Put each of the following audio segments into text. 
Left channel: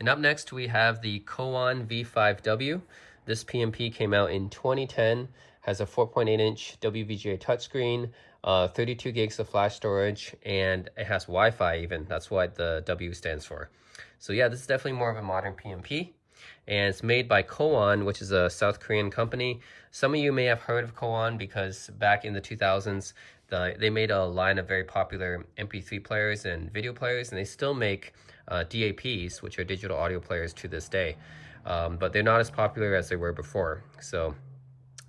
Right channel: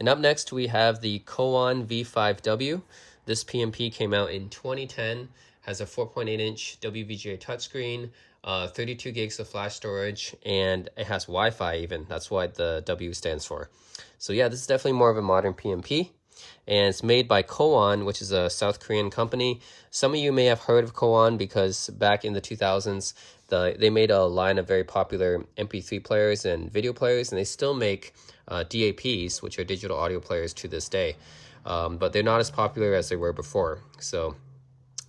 And up next, we have the Cowon V5W. This PMP came out in 2010, has a 4.8-inch WVGA touchscreen, 32 gigs of flash storage, and it has Wi-Fi even. That's what the W stands for. So yeah, this is definitely more of a modern PMP. And it's made by Cowon, which is a South Korean company. Some of you may have heard of Cowon because back in the 2000s, they made a line of very popular MP3 players and video players, and they still make DAPs, which are digital audio players to this day. But they're not as popular as they were before. So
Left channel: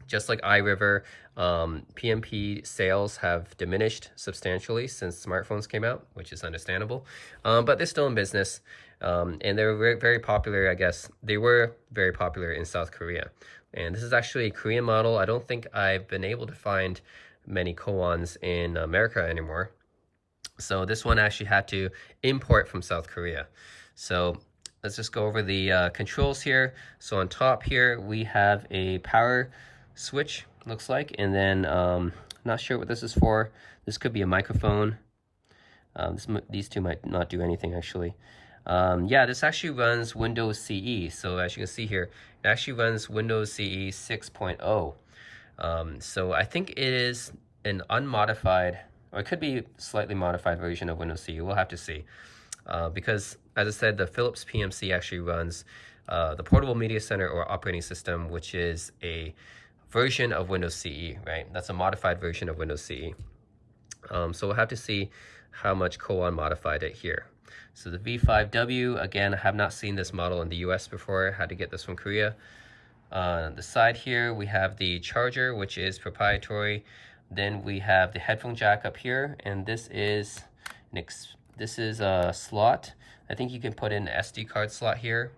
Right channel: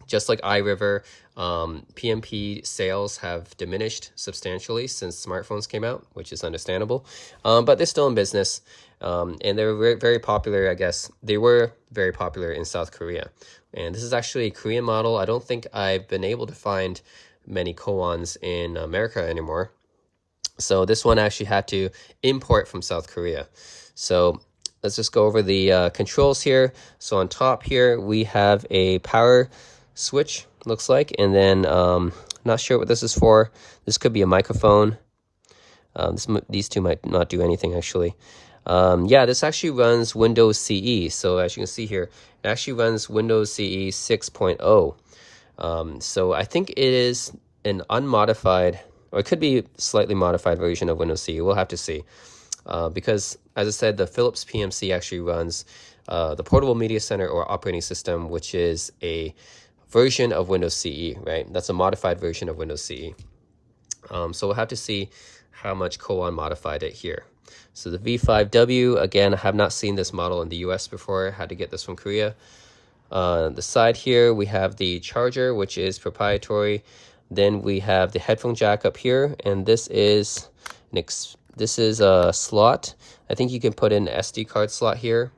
just like iRiver, PMP sales have diminished substantially since smartphones came out, which is understandable. But they're still in business. And they're very, very popular, I guess. They were very popular in South Korea. And this is actually a Korean model. I don't think I've been able to find many Cowons in America anymore. So this one actually had to import from South Korea. So let's just go over the controls here. So on top here, we have a power switch, looks like. And then, not sure what this is for. This could be a microphone. These two might not do anything, actually. Yeah, this actually runs Windows CE. So as you can see here, it actually runs Windows CE 6.0. So I think it is an unmodified, or it could be slightly modified version of Windows CE. We'll have to see. Because, as I said, the Philips PMC actually runs the Portable Media Center or operating system, which is a version of Windows CE, right? That's a modified version of Windows CE. So we'll have to see how much Cowon modified it here. So the V5W, again, I have not seen this model in the US before. I had to get this from Korea. The side here, we have the charger, which is proprietary. Then we have the headphone jack up here, and this is a slot. I think you can put in an SD card slot here.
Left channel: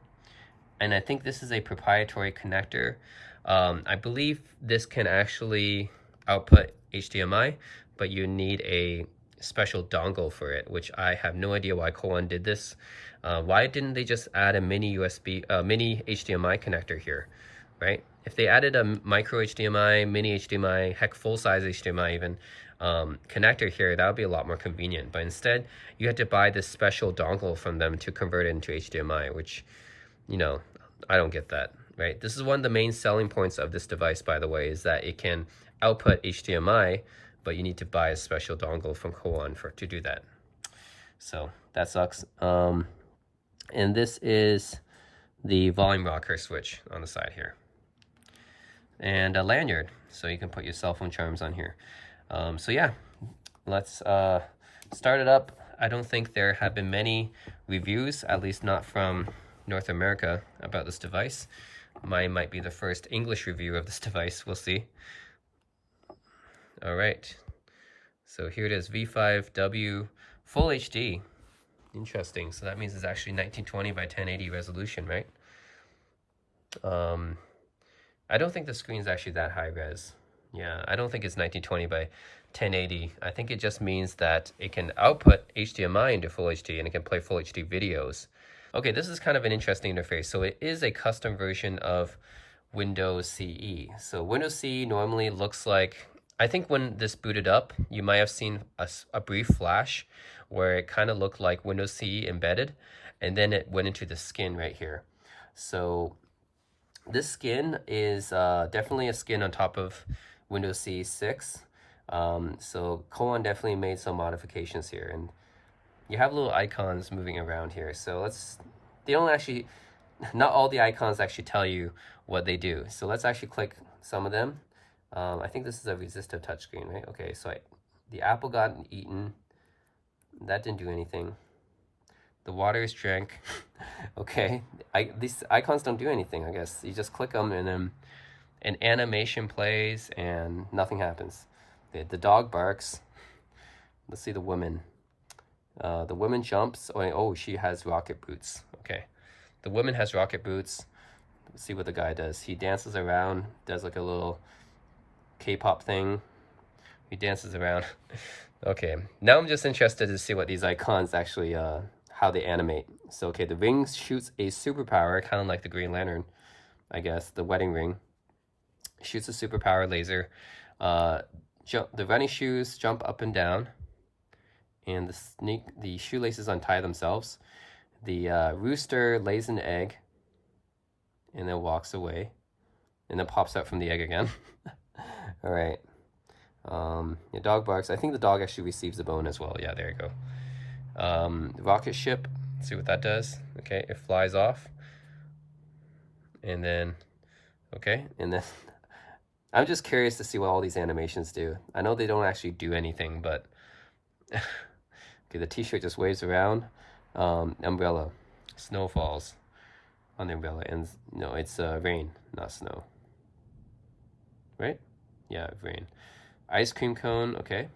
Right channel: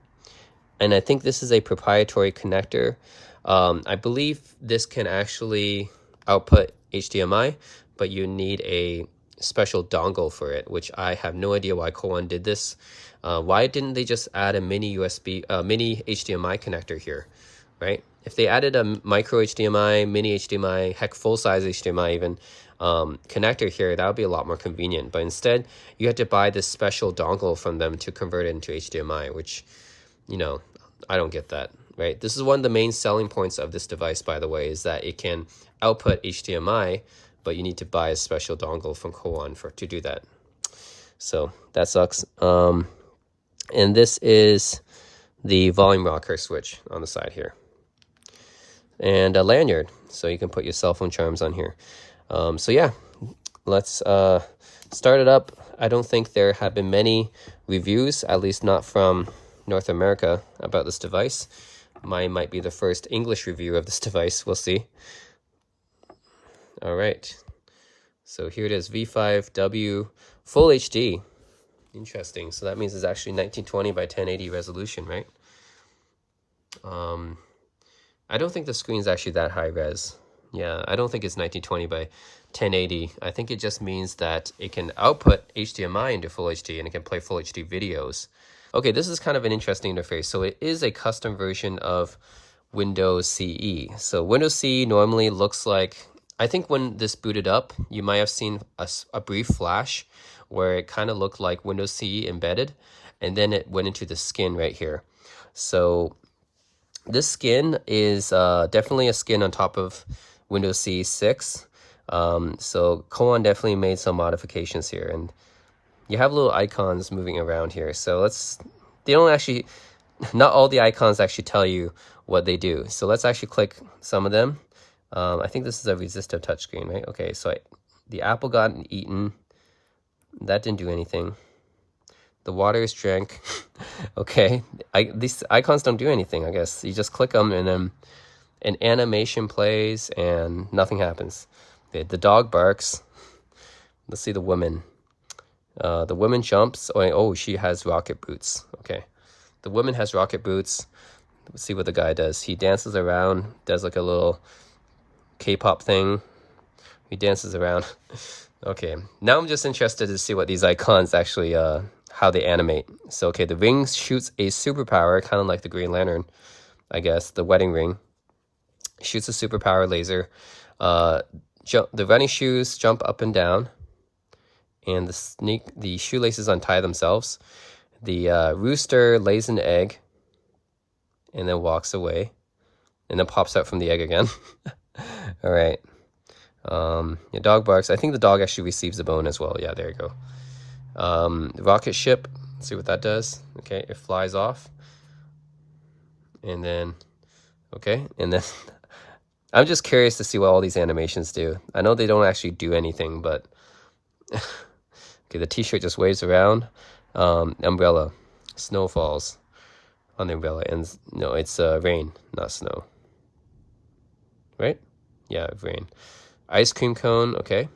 And I think this is a proprietary connector. I believe this can actually output HDMI, but you need a special dongle for it, which I have no idea why Cowon did this. Why didn't they just add a mini HDMI connector here, right? If they added a micro HDMI, mini HDMI, heck, full-size HDMI even, connector here, that would be a lot more convenient. But instead, you had to buy this special dongle from them to convert it into HDMI, which, you know, I don't get that, right? This is one of the main selling points of this device, by the way, is that it can output HDMI, but you need to buy a special dongle from Cowon to do that. So that sucks. And this is the volume rocker switch on the side here. And a lanyard, so you can put your cell phone charms on here. So yeah, let's start it up. I don't think there have been many reviews, at least not from North America, about this device. Mine might be the first English review of this device. We'll see. All right. So here it is, V5W Full HD. Interesting. So that means it's actually 1920 by 1080 resolution, right? I don't think the screen's actually that high res. Yeah, I don't think it's 1920 by 1080. I think it just means that it can output HDMI into Full HD and it can play Full HD videos. Okay, this is kind of an interesting interface. So it is a custom version of Windows CE. So Windows CE normally looks like, I think when this booted up, you might have seen a brief flash where it kind of looked like Windows CE embedded, and then it went into the skin right here. So this skin is definitely a skin on top of Windows CE 6. So Cowon definitely made some modifications here, and you have little icons moving around here. So they don't actually, not all the icons actually tell you what they do. So let's actually click some of them. I think this is a resistive touchscreen, right? Okay, so the apple got eaten. That didn't do anything. The water is drank. Okay, these icons don't do anything, I guess. You just click them and then an animation plays and nothing happens. Okay, the dog barks. Let's see the woman. The woman jumps. Oh, she has rocket boots. Okay, the woman has rocket boots. Let's see what the guy does. He dances around, does like a little K-pop thing. He dances around. Okay, now I'm just interested to see what these icons actually, how they animate. So, okay, the ring shoots a superpower, kind of like the Green Lantern, I guess, the wedding ring. Shoots a superpower laser. The running shoes jump up and down, and the shoelaces untie themselves. The rooster lays an egg and then walks away and then pops out from the egg again. All right. Your dog barks. I think the dog actually receives a bone as well. Yeah, there you go. Rocket ship. Let's see what that does. Okay, it flies off. And then, okay, and then I'm just curious to see what all these animations do. I know they don't actually do anything, but okay, the t-shirt just waves around. Umbrella. Snow falls on the umbrella. And no, it's rain, not snow. Right? Yeah, rain. Ice cream cone, okay.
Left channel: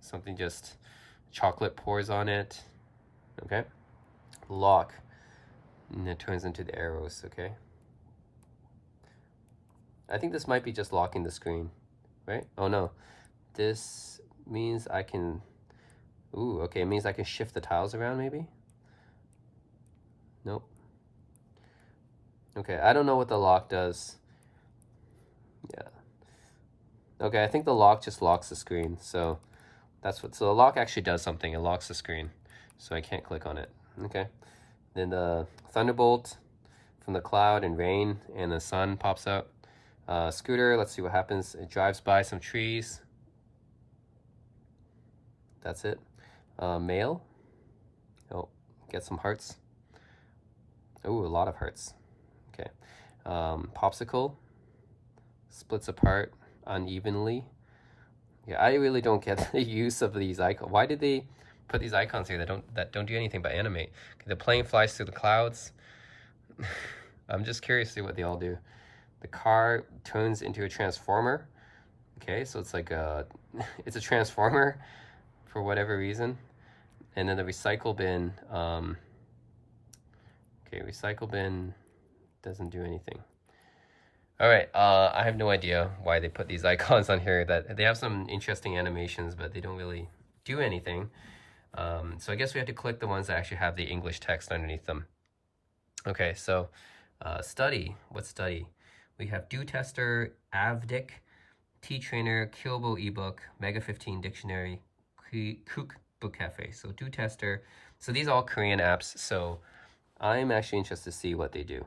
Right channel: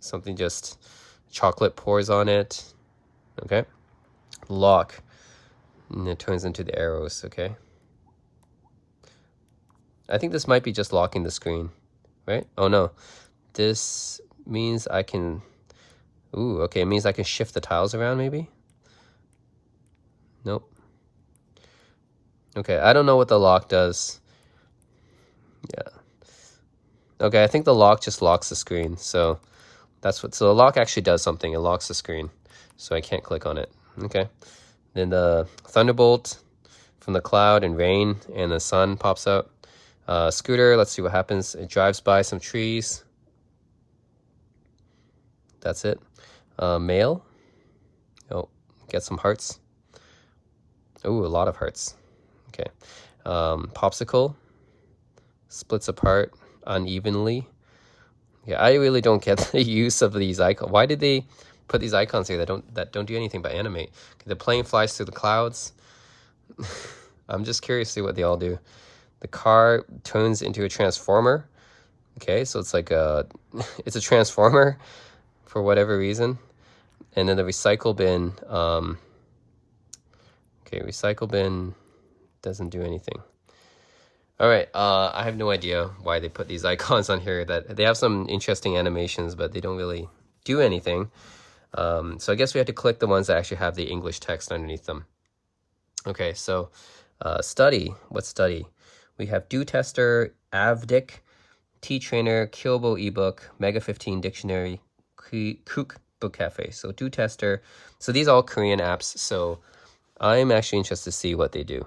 Something just, chocolate pours on it. Okay. Lock. And it turns into the arrows, okay. I think this might be just locking the screen, right? Oh no, this means I can, ooh, okay, it means I can shift the tiles around maybe? Nope. Okay, I don't know what the lock does. Yeah. Okay, I think the lock just locks the screen, so that's what, so the lock actually does something, it locks the screen, so I can't click on it, okay. Then the thunderbolt from the cloud and rain and the sun pops out. Scooter, let's see what happens. It drives by some trees. That's it. Mail. Oh, get some hearts. Ooh, a lot of hearts. Okay. Popsicle. Splits apart unevenly. Yeah, I really don't get the use of these icons. Why did they put these icons here that don't do anything but animate? Okay, the plane flies through the clouds. I'm just curious to see what they all do. The car turns into a transformer. Okay, so it's like it's a transformer for whatever reason. And then the recycle bin, okay, recycle bin doesn't do anything. All right, I have no idea why they put these icons on here. That they have some interesting animations, but they don't really do anything. So I guess we have to click the ones that actually have the English text underneath them. Okay, so study, what study? We have Do Tester, Avdic, T-Trainer, Kyobo ebook, Mega 15 dictionary, Kook book cafe. So Do Tester. So these are all Korean apps. So I'm actually interested to see what they do.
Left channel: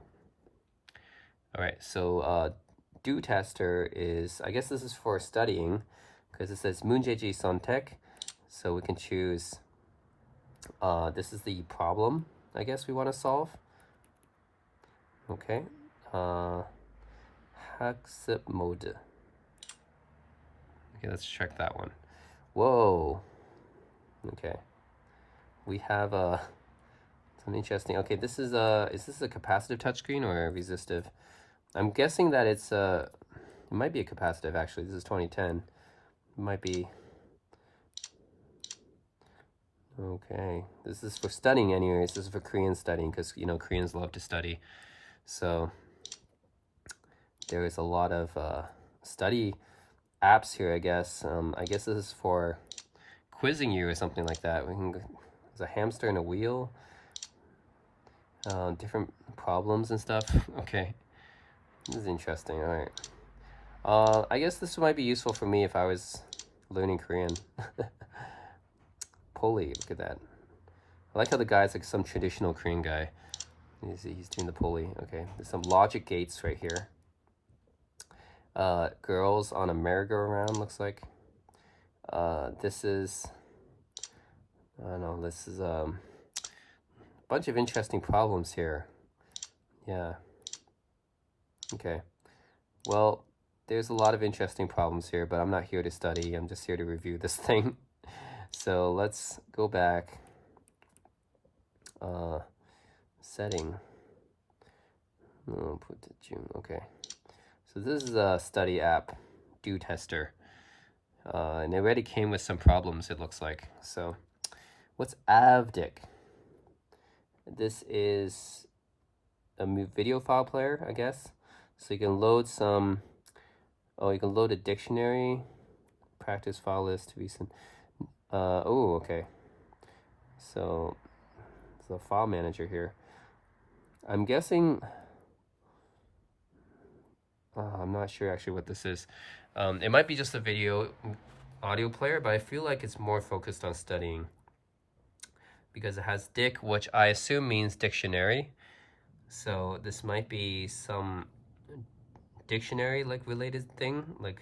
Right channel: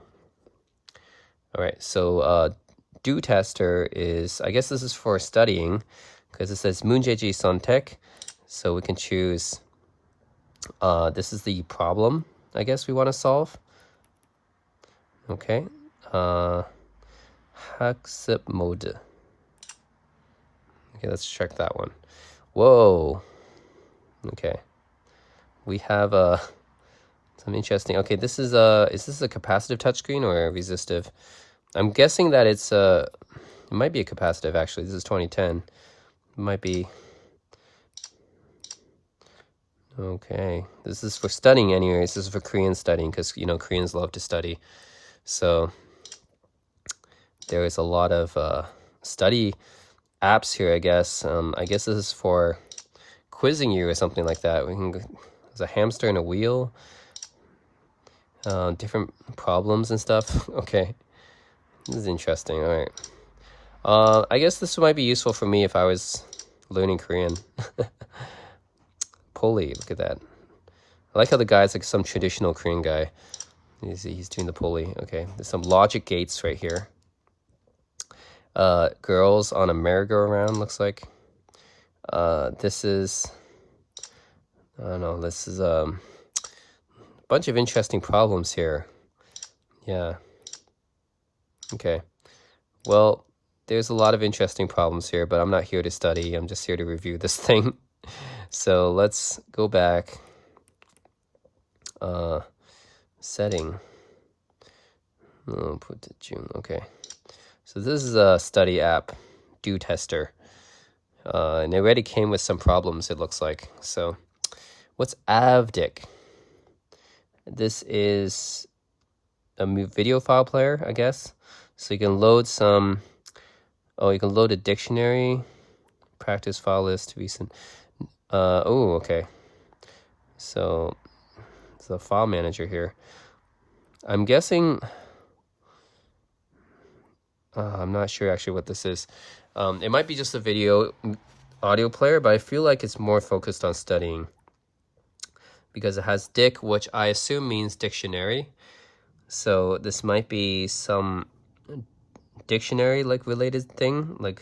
All right. So Do Tester is, I guess this is for studying because it says 문제지 선택. So we can choose. This is the problem, I guess we want to solve. Okay. 학습 mode. Okay, let's check that one. Whoa. Okay. We have some interesting. Okay, this is this a capacitive touchscreen or a resistive? I'm guessing that it might be a capacitive actually. This is 2010. It might be. Okay, this is for studying anyways. This is for Korean studying because you know Koreans love to study. So there is a lot of study apps here, I guess. I guess this is for quizzing you or something like that. We can. There's a hamster and a wheel. Different problems and stuff. Okay, this is interesting. All right. I guess this might be useful for me if I was learning Korean. Pulley, look at that. I like how the guy's like some traditional Korean guy. He's doing the pulley. Okay, there's some logic gates right here. Girls on a merry-go-round looks like. This is, I don't know, this is a bunch of interesting problems here. Yeah. Okay. Well, there's a lot of interesting problems here, but I'm not here to study. I'm just here to review this thing. So let's go back. Setting. Oh, put to June. Okay. So this is a study app, Do Tester. And it already came with some problems, it looks like. So what's Avdic? This is a video file player, I guess. So you can load some, oh, you can load a dictionary, practice file list, recent. Oh, okay. So it's a file manager here. I'm guessing, I'm not sure actually what this is. It might be just a audio player, but I feel like it's more focused on studying. because it has dic, which I assume means dictionary. So this might be some dictionary like related thing, like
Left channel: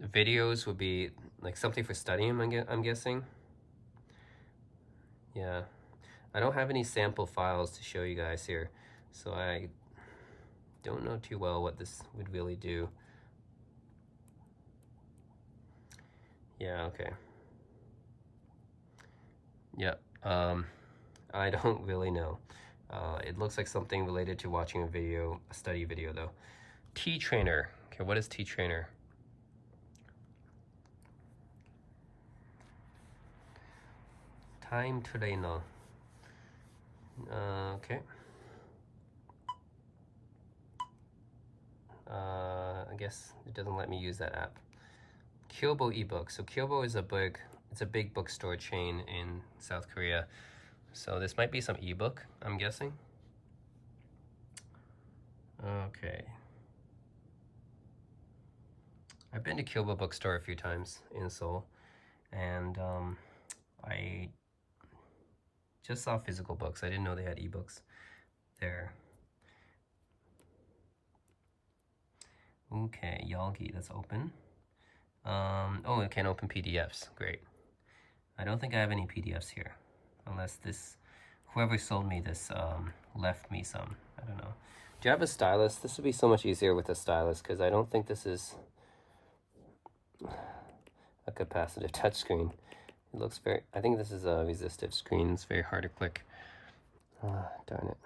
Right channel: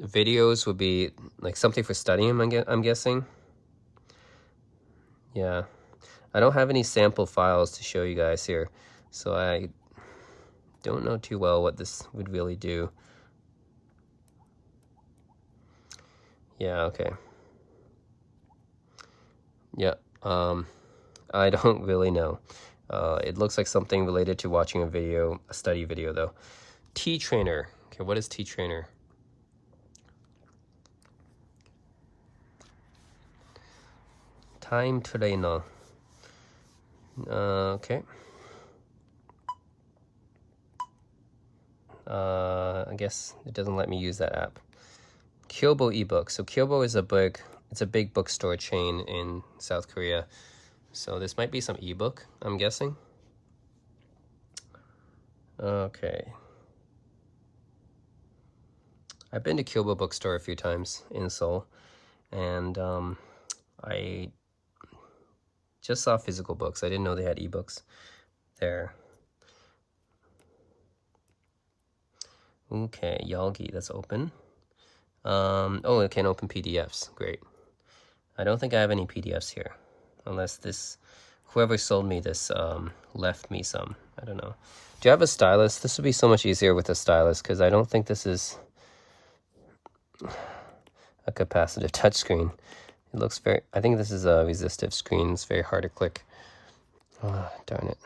videos would be like something for studying, I'm guessing. Yeah, I don't have any sample files to show you guys here, so I don't know too well what this would really do. Yeah, okay. Yeah, I don't really know. It looks like something related to watching a video, a study video though. T-trainer. Okay, what is T-trainer? Time trainer. Okay. I guess it doesn't let me use that app. Kyobo ebook. So Kyobo is it's a big bookstore chain in South Korea. So this might be some ebook, I'm guessing. Okay. I've been to Kyobo bookstore a few times in Seoul, and I just saw physical books. I didn't know they had ebooks there. Okay, Yalgi, that's open. Oh, it can open PDFs. Great. I don't think I have any PDFs here, unless whoever sold me this left me some. I don't know. Do you have a stylus? This would be so much easier with a stylus because I don't think this is a capacitive touchscreen. It looks I think this is a resistive screen. It's very hard to click. Oh, darn it.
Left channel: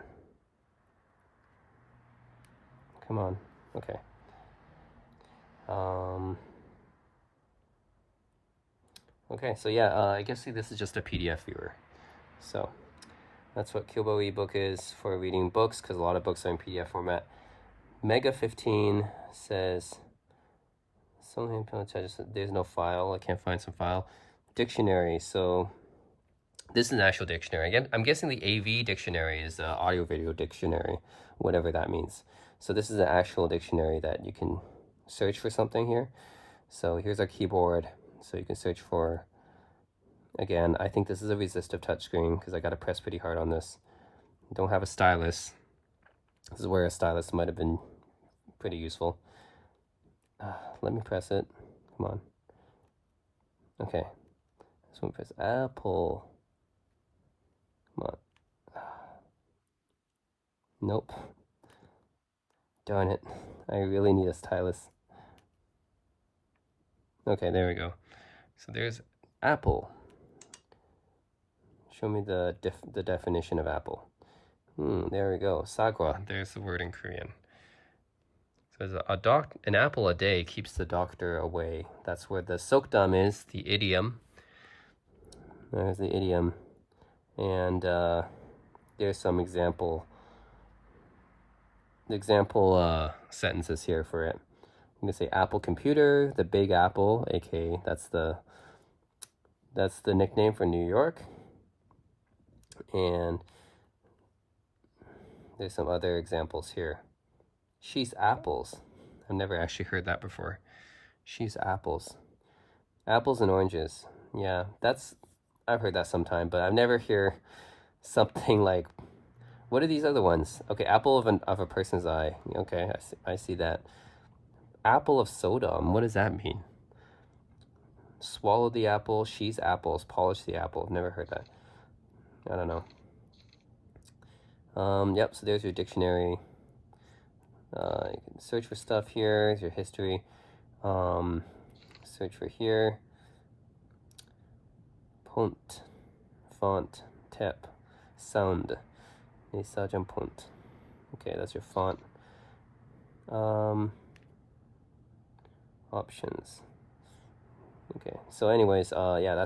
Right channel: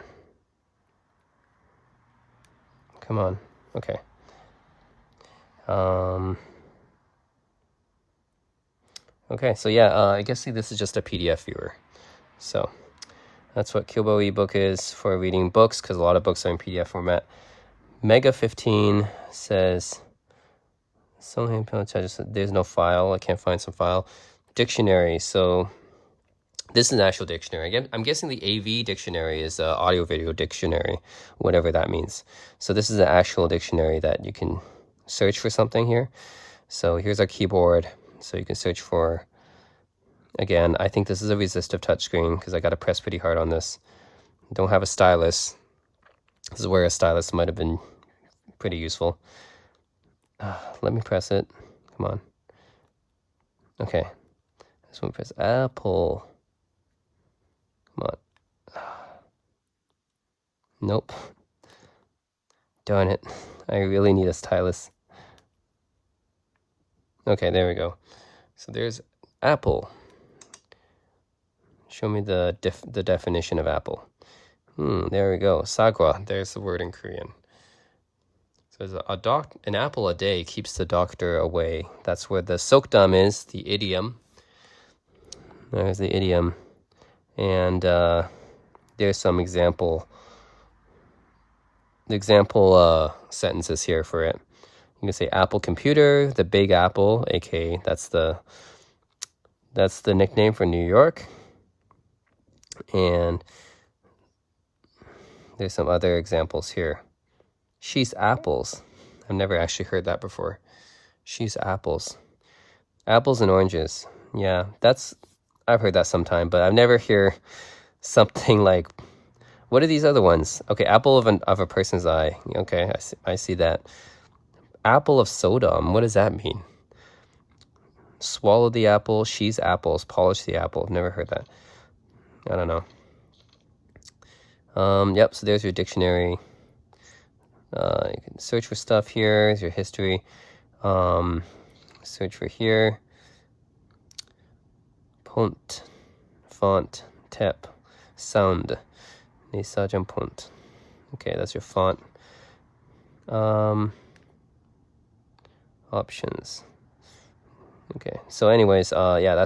Come on. Okay. Okay, so yeah, I guess this is just a PDF viewer. So that's what Kyobo ebook is for reading books, because a lot of books are in PDF format. Mega 15 says, there's no file. I can't find some file. Dictionary. So this is an actual dictionary. I'm guessing the AV dictionary is audio video dictionary, whatever that means. So this is an actual dictionary that you can search for something here. So here's our keyboard. So you can search for, again, I think this is a resistive touchscreen because I got to press pretty hard on this. Don't have a stylus. This is where a stylus might have been pretty useful. Let me press it. Come on. Okay. This one press Apple. Come on. Nope. Darn it. I really need a stylus. Okay, there we go. So there's Apple. Show me the definition of apple. There we go. Sagwa. There's the word in Korean. So an apple a day keeps the doctor away. That's where the sokdam is, the idiom. There's the idiom. And there's some example sentences here for it. You can say Apple computer, the Big Apple, aka that's the nickname for New York. And there's some other examples here. She's apples. I've never actually heard that before. She's apples. Apples and oranges. Yeah, I've heard that sometime, but I've never hear something like, what are these other ones? Okay, apple of a person's eye. Okay, I see that. Apple of Sodom. What does that mean? Swallow the apple. She's apples. Polish the apple. I've never heard that. I don't know. Yep, so there's your dictionary. You can search for stuff here. Here's your history. Search for here. Pont, font, tep, sound. Pont. Okay, that's your font. Options. Okay, so anyways, yeah,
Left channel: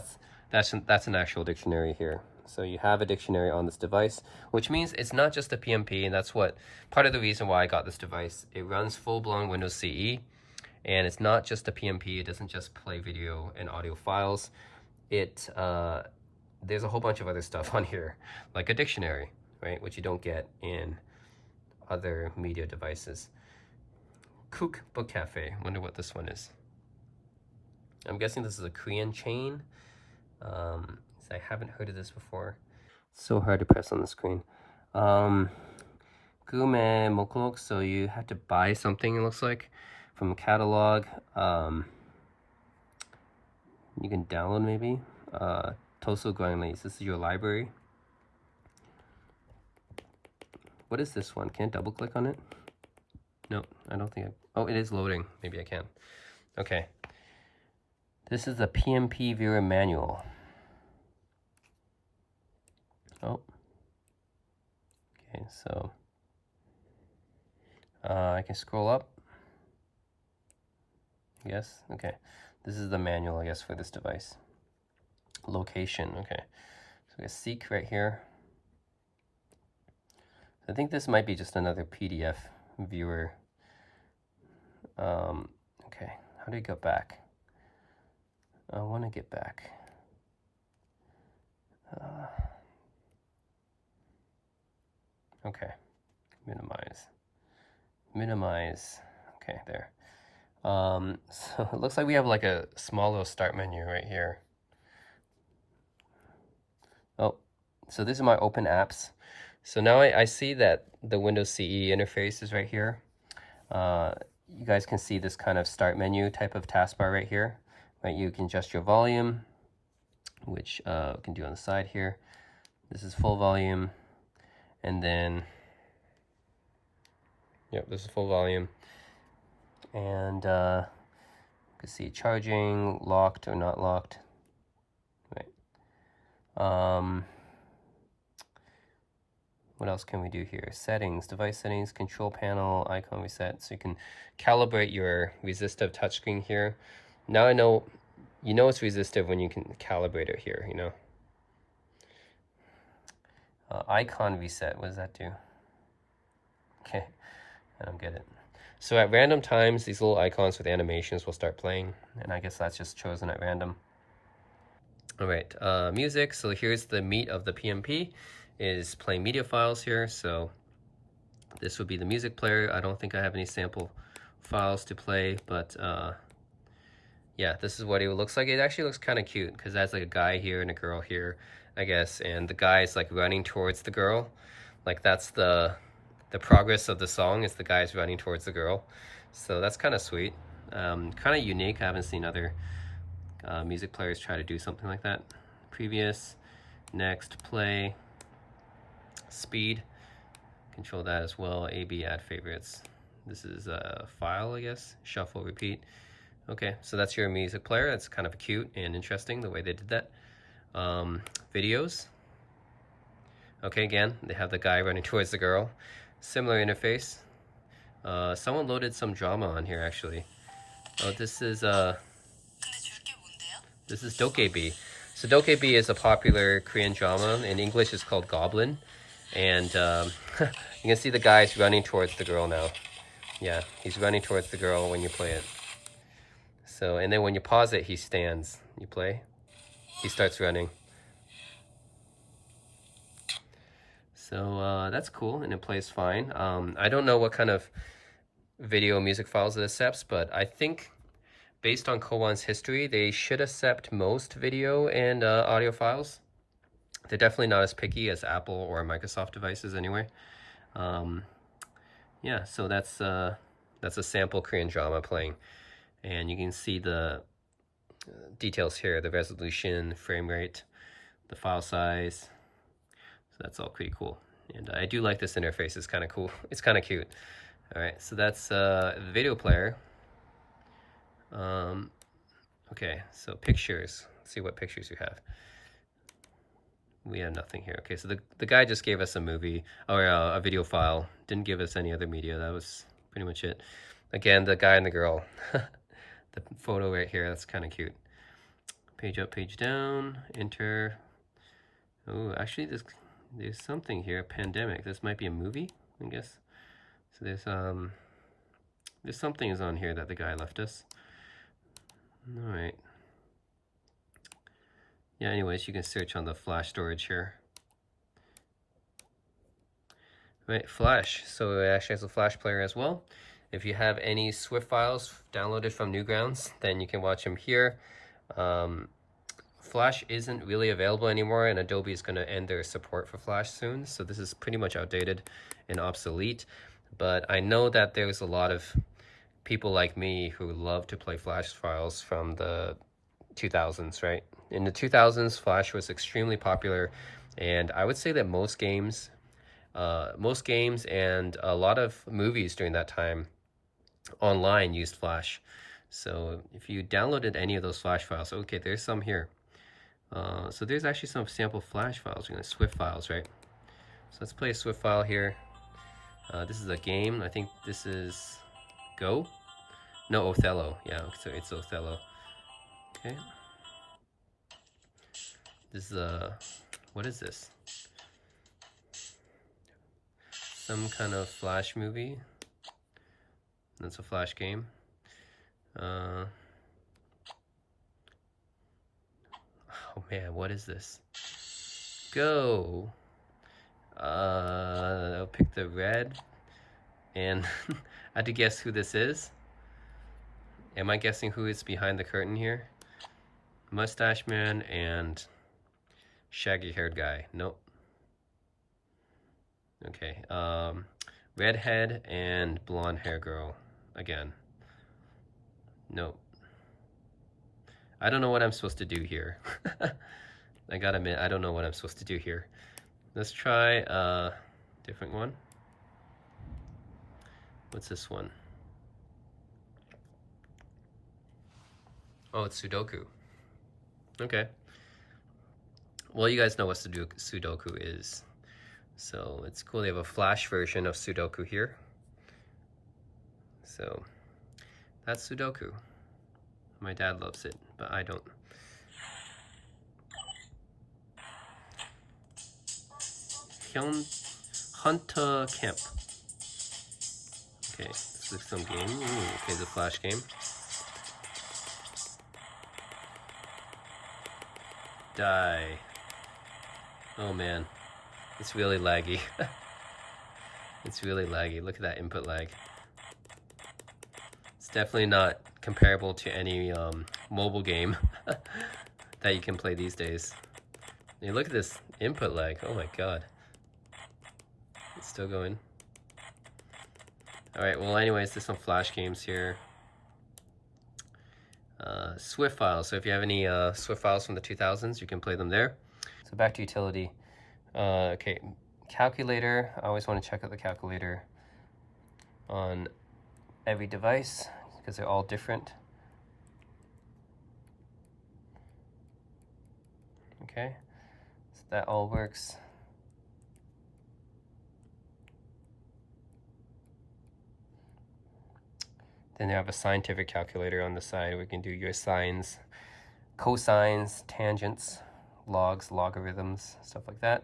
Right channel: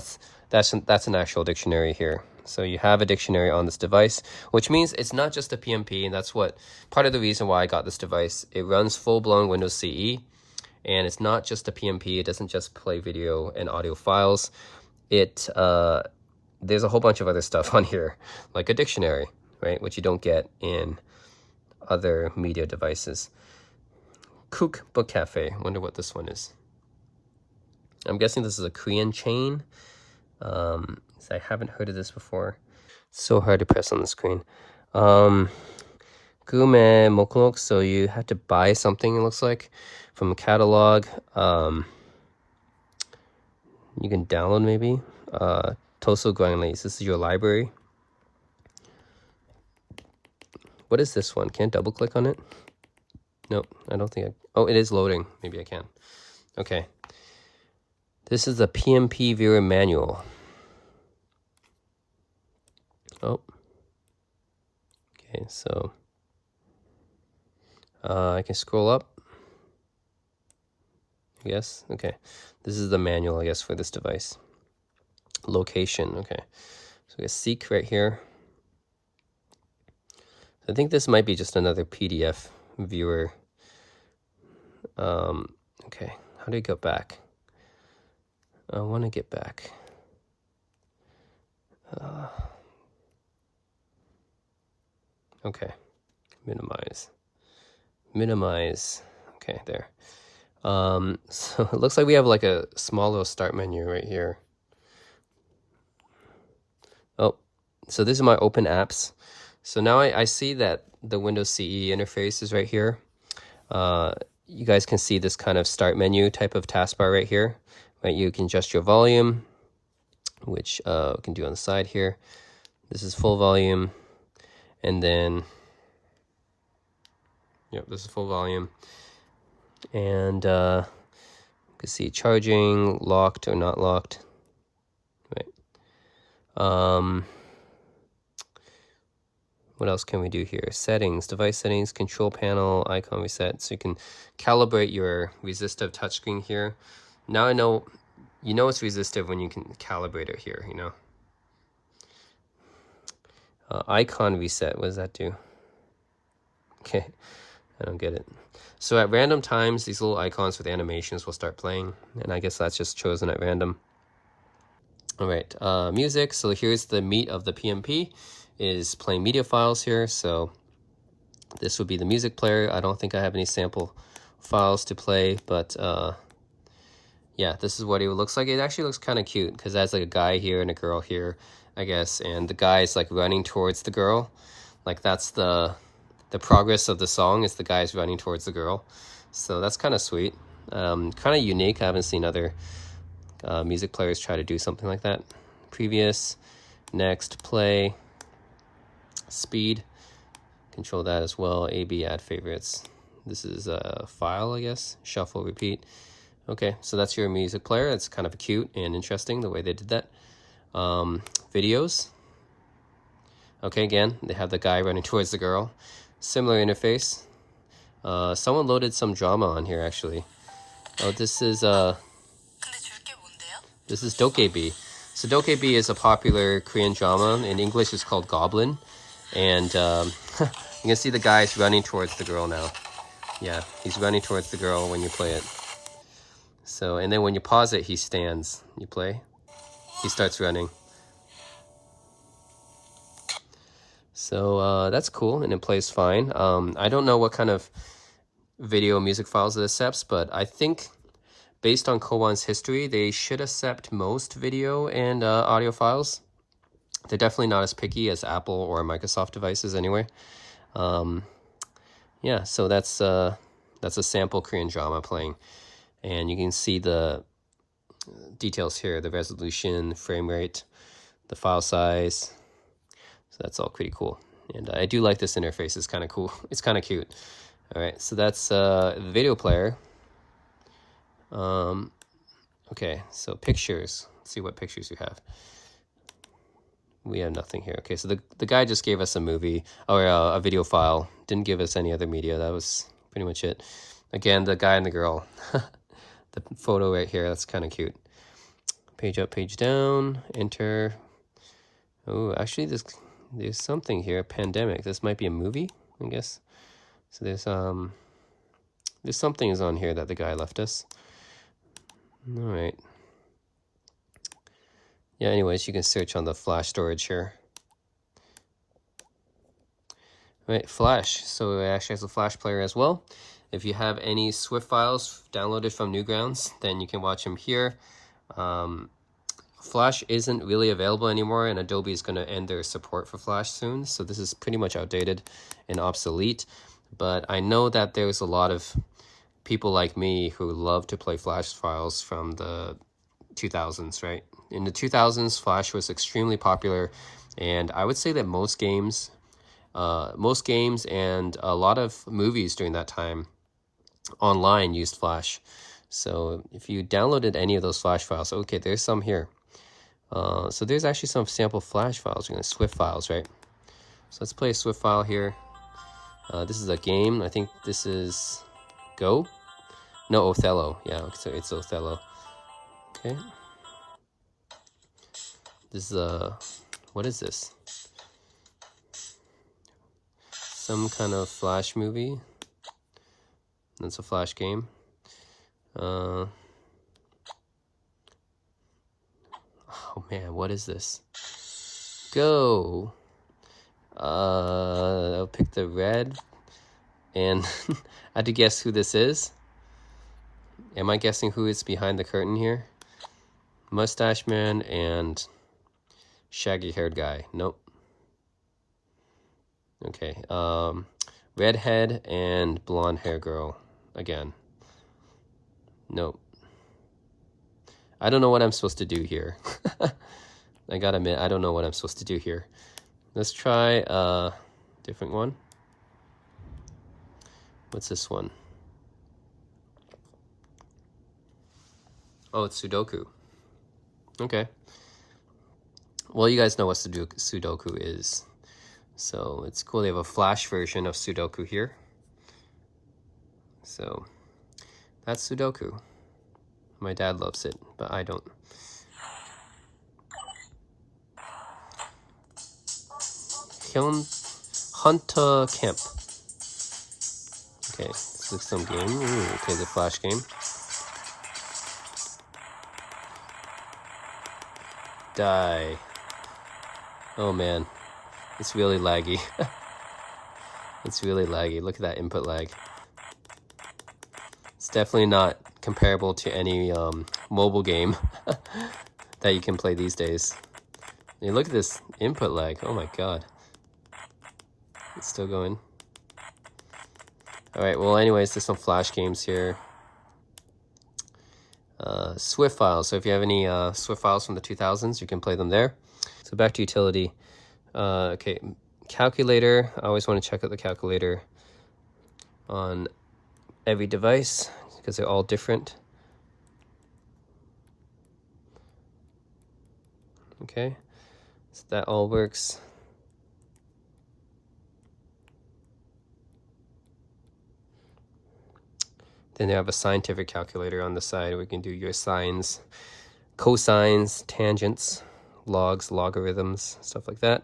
that's an actual dictionary here. So you have a dictionary on this device, which means it's not just a PMP, and that's part of the reason why I got this device. It runs full-blown Windows CE, and it's not just a PMP. It doesn't just play video and audio files. There's a whole bunch of other stuff on here, like a dictionary, right, which you don't get in other media devices. Kook Book Cafe. Wonder what this one is. I'm guessing this is a Korean chain. I haven't heard of this before. So hard to press on the screen. Gume Mokonok, so you have to buy something, it looks like, from a catalog. You can download maybe. Toso Guanglis, this is your library. What is this one? Can't double click on it? Nope, I don't think I... Oh, it is loading. Maybe I can. Okay. This is the PMP viewer manual. Oh. Okay, so... I can scroll up. Yes, okay. This is the manual, I guess, for this device. Location, okay. So we got seek right here. I think this might be just another PDF viewer. Okay, how do you go back? I want to get back. Okay, minimize. Okay, there. So it looks like we have like a small little start menu right here. Oh, so this is my open apps. So now I see that the Windows CE interface is right here. You guys can see this kind of start menu type of taskbar right here. Right, you can adjust your volume, which we can do on the side here. This is full volume, and then, yep, this is full volume. And you can see charging, locked or not locked. Right. What else can we do here? Settings, device settings, control panel, icon reset. So you can calibrate your resistive touchscreen here. Now I know, you know it's resistive when you can calibrate it here, you know. Icon reset, what does that do? Okay, I don't get it. So at random times, these little icons with animations will start playing, and I guess that's just chosen at random. All right, music. So here's the meat of the PMP, is playing media files here. So this would be the music player. I don't think I have any sample files to play, but yeah, this is what it looks like. It actually looks kind of cute because there's like a guy here and a girl here, I guess, and the guy is like running towards the girl. Like that's the progress of the song, is the guy's running towards the girl. So that's kind of sweet, kind of unique. I haven't seen other music players try to do something like that. Previous, next, play, speed, control that as well. A/B, add favorites. This is a file, I guess. Shuffle, repeat. Okay, so that's your music player. It's kind of cute and interesting the way they did that. Videos. Okay, again, they have the guy running towards the girl. Similar interface. Someone loaded some drama on here, actually. Oh, this is Dokebi. So Dokebi is a popular Korean drama. In English, it's called Goblin. And you can see the guy's running towards the girl now. Yeah, he's running towards the girl when you play it. So, and then when you pause it, he stands. You play, he starts running. So that's cool, and it plays fine. I don't know what kind of video music files it accepts, but I think based on Cowon's history, they should accept most video and audio files. They're definitely not as picky as Apple or Microsoft devices anyway. Yeah, so that's a sample Korean drama playing. And you can see the details here, the resolution, frame rate, the file size. So that's all pretty cool. And I do like this interface. It's kind of cool. It's kind of cute. All right, so that's the video player. Okay, so pictures. Let's see what pictures you have. We have nothing here. Okay, so the guy just gave us a movie or a video file. Didn't give us any other media. That was pretty much it. Again, the guy and the girl. The photo right here, that's kind of cute. Page up, page down, enter. Oh, actually there's something here, pandemic. This might be a movie, I guess. So there's something is on here that the guy left us. All right. Yeah, anyways, you can search on the flash storage here. All right, flash. So it actually has a flash player as well. If you have any Swift files downloaded from Newgrounds, then you can watch them here. Flash isn't really available anymore, and Adobe is going to end their support for Flash soon. So this is pretty much outdated and obsolete. But I know that there's a lot of people like me who love to play Flash files from the 2000s, right? In the 2000s, Flash was extremely popular, and I would say that most games and a lot of movies during that time online used Flash. So if you downloaded any of those Flash files, okay, there's some here. So there's actually some sample Flash files, Swift files, right? So let's play a Swift file here. This is a game. I think this is Go? No, Othello. Yeah, so it's Othello. Okay. This is what is this? Some kind of Flash movie. That's a Flash game. Oh man, what is this? Go. I'll pick the red, and I had to guess who this is. Am I guessing who is behind the curtain here? Mustache man and shaggy haired guy. Nope. Okay. Redhead and blonde hair girl again. Nope. I don't know what I'm supposed to do here. I gotta admit, I don't know what I'm supposed to do here. Let's try a different one. What's this one? Oh, it's Sudoku. Okay. Well, you guys know what Sudoku is. So it's cool. They have a Flash version of Sudoku here. So that's Sudoku. My dad loves it, but I don't. Hunter Kemp. Okay, this is some game. Ooh, okay, the Flash game. Die. Oh man, it's really laggy. It's really laggy. Look at that input lag. It's definitely not comparable to any mobile game that you can play these days. Hey, look at this input lag. Oh my god. It's still going. Alright, well anyways, there's some Flash games here. Swift files. So if you have any Swift files from the 2000s, you can play them there. So back to utility. Okay, calculator. I always want to check out the calculator on every device because they're all different. Okay, so that all works. Then they have a scientific calculator on the side where you can do your sines, cosines, tangents, logs, logarithms, stuff like that.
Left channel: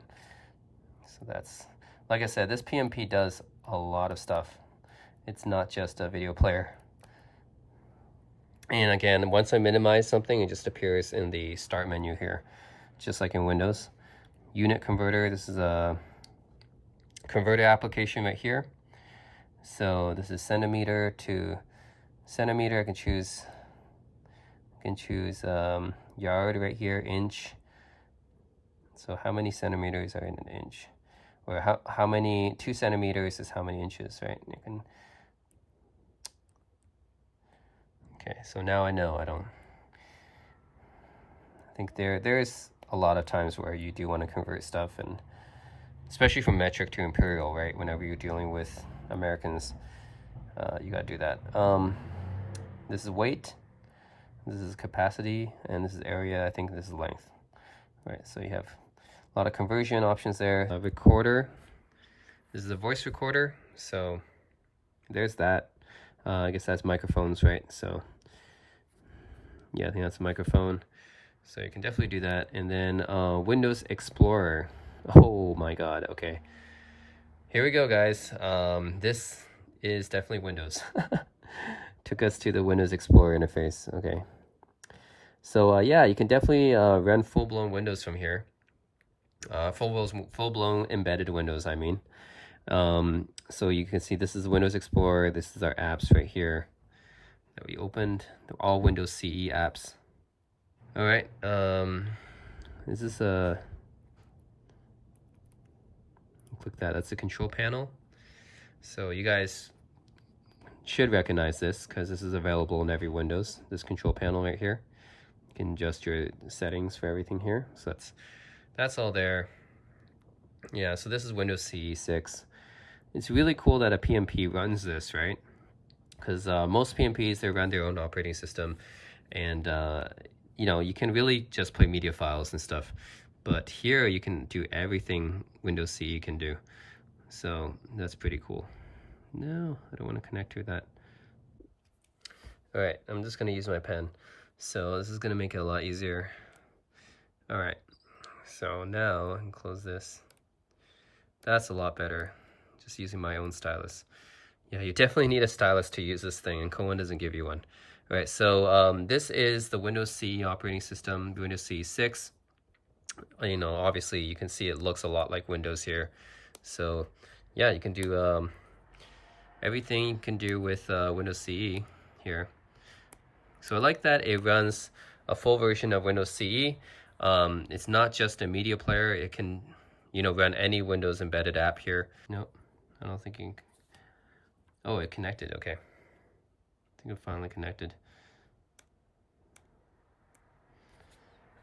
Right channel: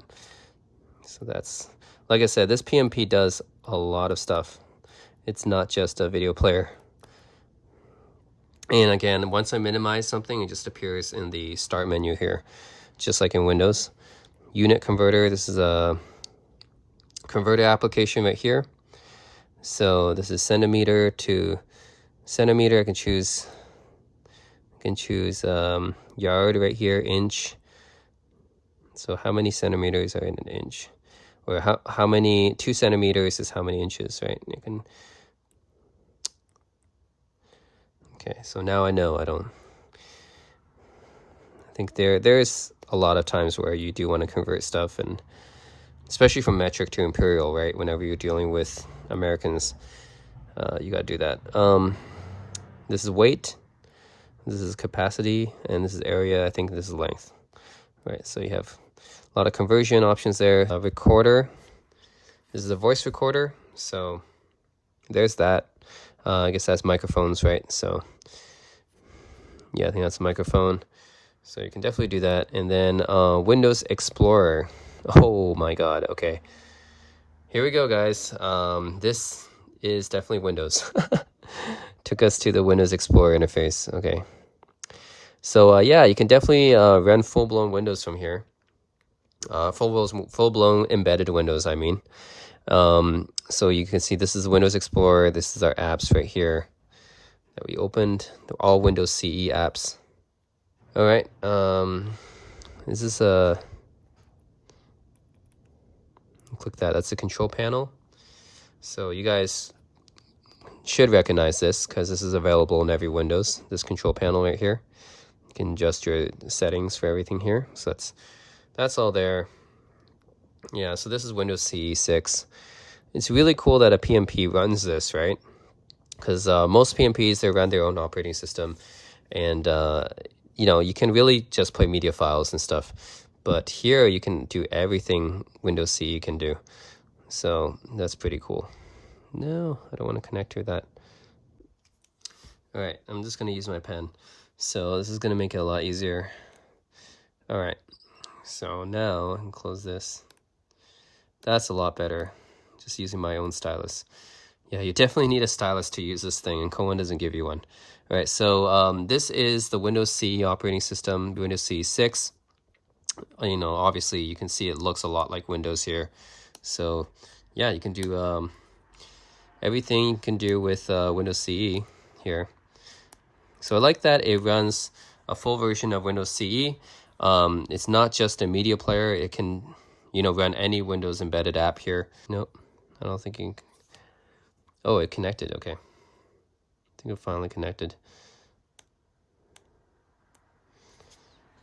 So that's, like I said, this PMP does a lot of stuff. It's not just a video player. And again, once I minimize something, it just appears in the start menu here, just like in Windows. Unit converter, this is a converter application right here. So this is centimeter to centimeter. I can choose yard right here, inch. So how many centimeters are in an inch? Or how many, 2 centimeters is how many inches, right? You can. Okay, so now I know I think there's a lot of times where you do want to convert stuff, and especially from metric to imperial, right? Whenever you're dealing with Americans, you gotta do that. This is weight, this is capacity, and this is area. I think this is length, right? So you have a lot of conversion options there. Recorder, this is a voice recorder, so there's that. I guess that's microphones, right? So yeah, I think that's a microphone. So you can definitely do that. And then Windows Explorer. Oh my god, okay. Here we go, guys. This is definitely Windows. Took us to the Windows Explorer interface. Okay. So yeah, you can definitely run full-blown Windows from here. Full-blown embedded Windows, I mean. So you can see this is Windows Explorer. This is our apps right here that we opened. They're all Windows CE apps. All right. This is a click that. That's the control panel. So you guys should recognize this because this is available in every Windows. This control panel right here. You can adjust your settings for everything here. So that's all there. Yeah. So this is Windows CE 6. It's really cool that a PMP runs this, right? Because most PMPs, they run their own operating system, and you know, you can really just play media files and stuff, but here you can do everything Windows CE can do, so that's pretty cool. No, I don't want to connect to that. All right, I'm just going to use my pen, so this is going to make it a lot easier. All right, so now I can close this. That's a lot better, just using my own stylus. Yeah, you definitely need a stylus to use this thing, and Cowon doesn't give you one. All right, so this is the Windows CE operating system, Windows CE 6. You know, obviously you can see it looks a lot like Windows here. So yeah, you can do everything you can do with Windows CE here. So I like that it runs a full version of Windows CE. It's not just a media player. It can, you know, run any Windows embedded app here. Nope, I don't think you can. Oh, it connected. Okay. I think it finally connected.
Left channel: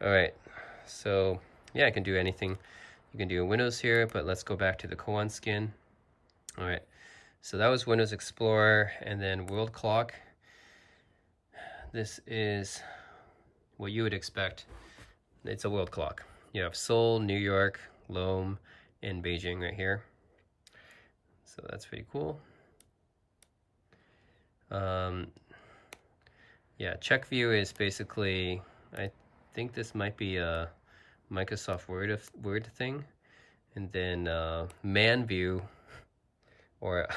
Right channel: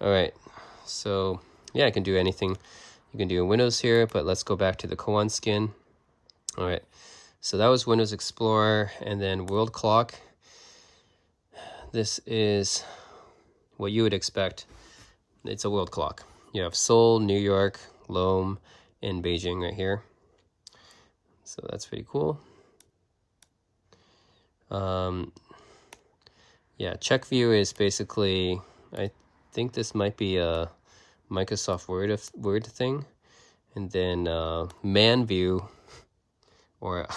All right. So yeah, I can do anything. You can do Windows here, but let's go back to the Cowon skin. All right. So that was Windows Explorer, and then World Clock. This is what you would expect. It's a world clock. You have Seoul, New York, Lome, and Beijing right here. So that's pretty cool. Yeah, check view is basically, I think this might be a Microsoft Word thing. And then man view, or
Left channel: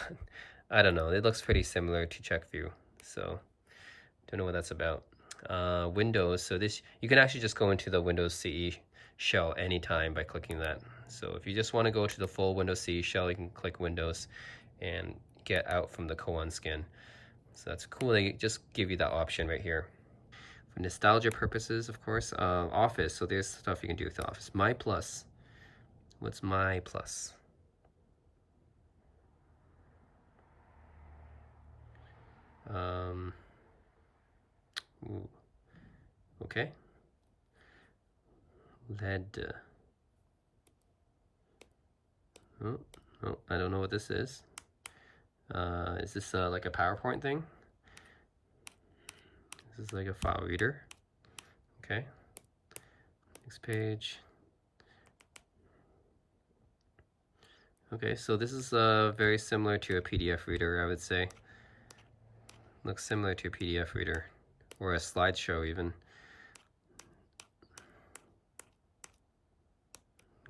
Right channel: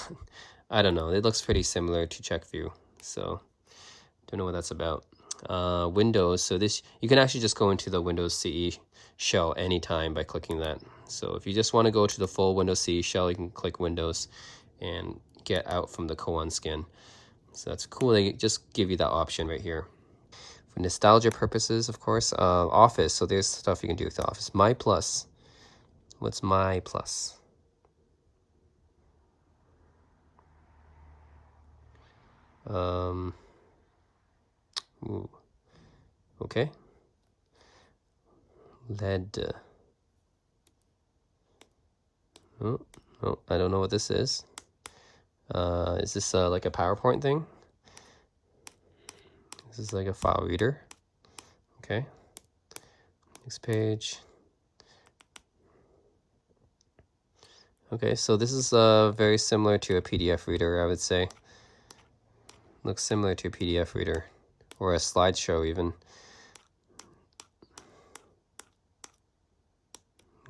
I don't know, it looks pretty similar to check view. So don't know what that's about. Windows, so this, you can actually just go into the Windows CE shell anytime by clicking that. So if you just want to go to the full Windows CE shell, you can click Windows and get out from the Cowon skin. So that's cool. They just give you that option right here. For nostalgia purposes, of course, Office. So there's stuff you can do with the Office. My Plus. What's My Plus? Ooh. Okay. LED. Oh, I don't know what this is. Is this like a PowerPoint thing? This is like a file reader. Okay. Next page. Okay, so this is very similar to a PDF reader, I would say. Looks similar to a PDF reader, or a slideshow even.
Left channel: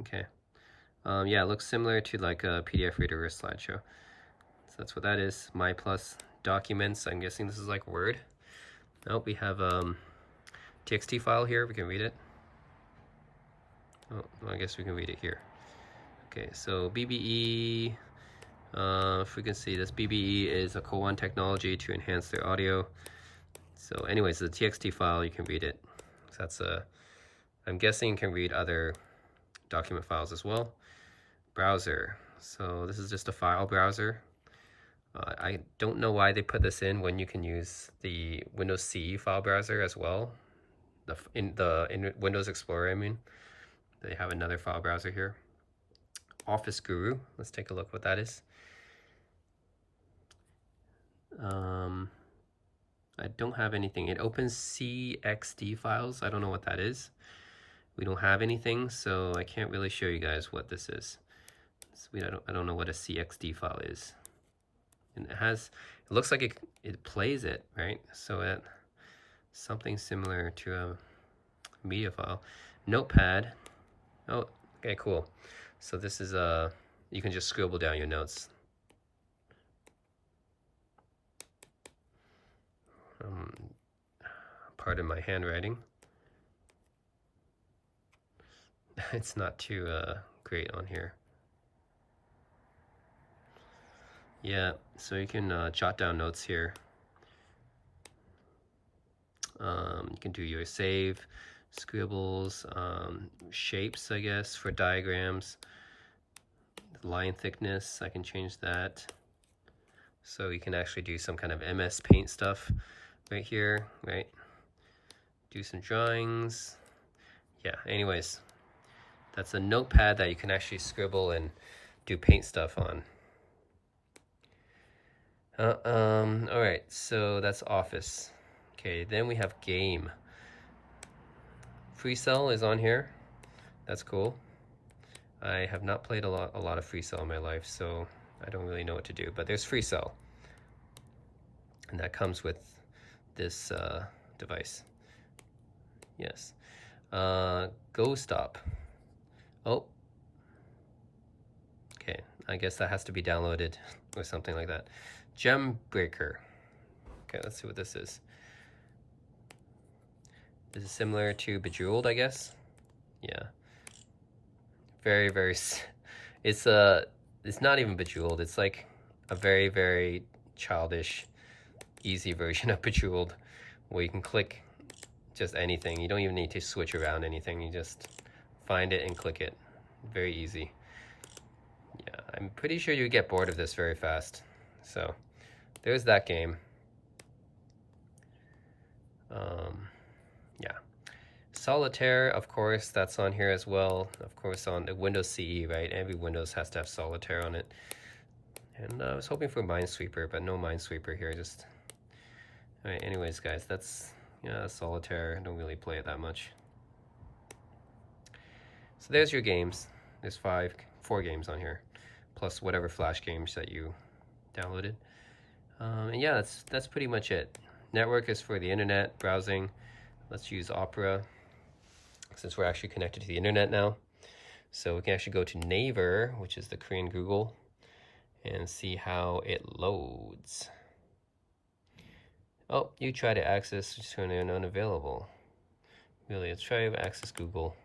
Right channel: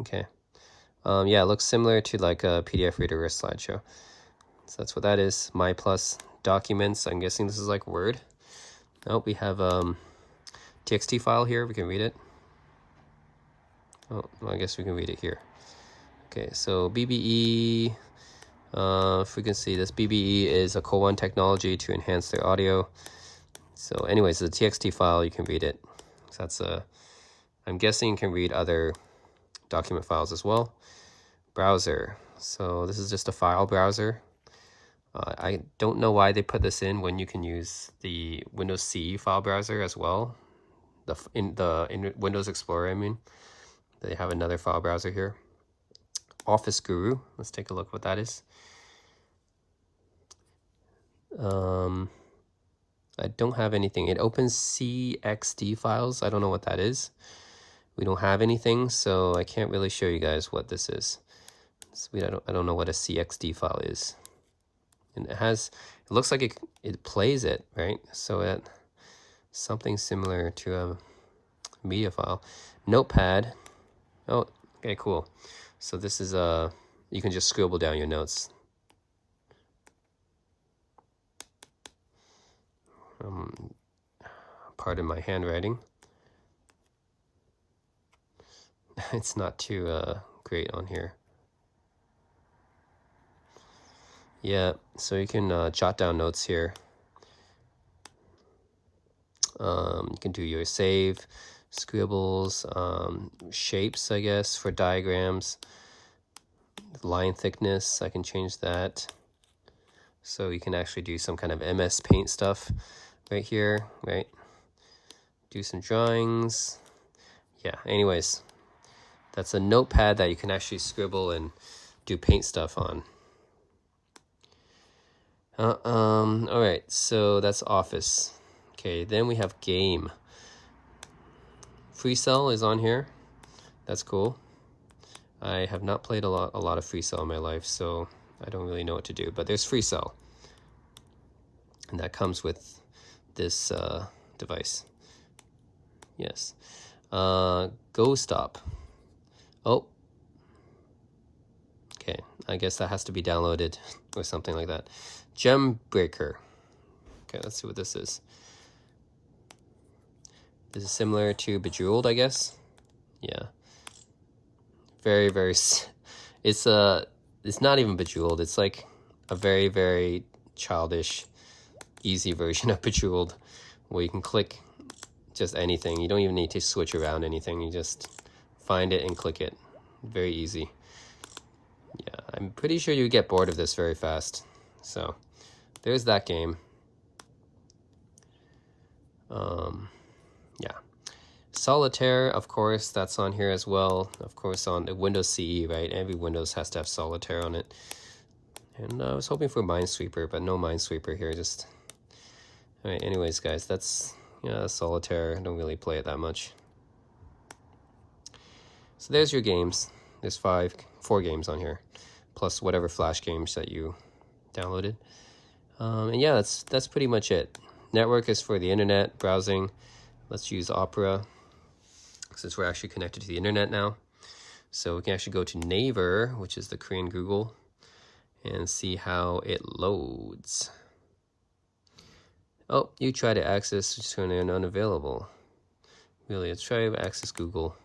Okay. Yeah, it looks similar to like a PDF reader or a slideshow. So that's what that is. My Plus documents. I'm guessing this is like Word. Oh, we have TXT file here. We can read it. Oh, well, I guess we can read it here. Okay, so BBE. If we can see this, BBE is a Cowon technology to enhance their audio. So anyways, the TXT file, you can read it. So that's I'm guessing you can read other document files as well. Browser. So this is just a file browser. I don't know why they put this in when you can use the Windows CE file browser as well. In Windows Explorer, I mean. They have another file browser here. Office Guru. Let's take a look what that is. I don't have anything. It opens CXD files. I don't know what that is. We don't have anything, so I can't really show you guys what this is. So I don't know what a CXD file is. And it looks like it plays it, right? So something similar to a media file. Notepad. Oh, okay, cool. So this is you can just scribble down your notes. Pardon my handwriting. It's not too great on here. Yeah, so you can jot down notes here. You can do your save, scribbles, shapes, I guess, for diagrams. Line thickness, I can change that. So you can actually do some kind of MS Paint stuff right here, right? Do some drawings. Yeah, anyways, that's a notepad that you can actually scribble and do paint stuff on. All right, so that's Office. Okay, then we have Game. Free Cell is on here. That's cool. I have not played a lot of Free Cell in my life, so I don't really know what to do. But there's Free Cell, and that comes with this device. Yes. Go Stop. Oh. Okay, I guess that has to be downloaded or something like that. Gem Breaker. Okay, let's see what this is. This is similar to Bejeweled, I guess. Yeah. Very, very. It's not even Bejeweled. It's like a very, very childish, easy version of Bejeweled, where you can click just anything. You don't even need to switch around anything. You just find it and click it. Very easy. Yeah, I'm pretty sure you get bored of this very fast. So there's that game. Yeah. Solitaire, of course, that's on here as well. Of course, on the Windows CE, right? Every Windows has to have Solitaire on it. And I was hoping for Minesweeper, but no Minesweeper here. Just all right. Anyways, guys, that's Solitaire. I don't really play it that much. So there's your games. There's 4 games on here, plus whatever Flash games that you downloaded. And yeah, that's pretty much it. Network is for the internet browsing. Let's use Opera, since we're actually connected to the internet now. So we can actually go to Naver, which is the Korean Google, and see how it loads. Oh, you try to access, just turn in unavailable. Really, let's try to access Google.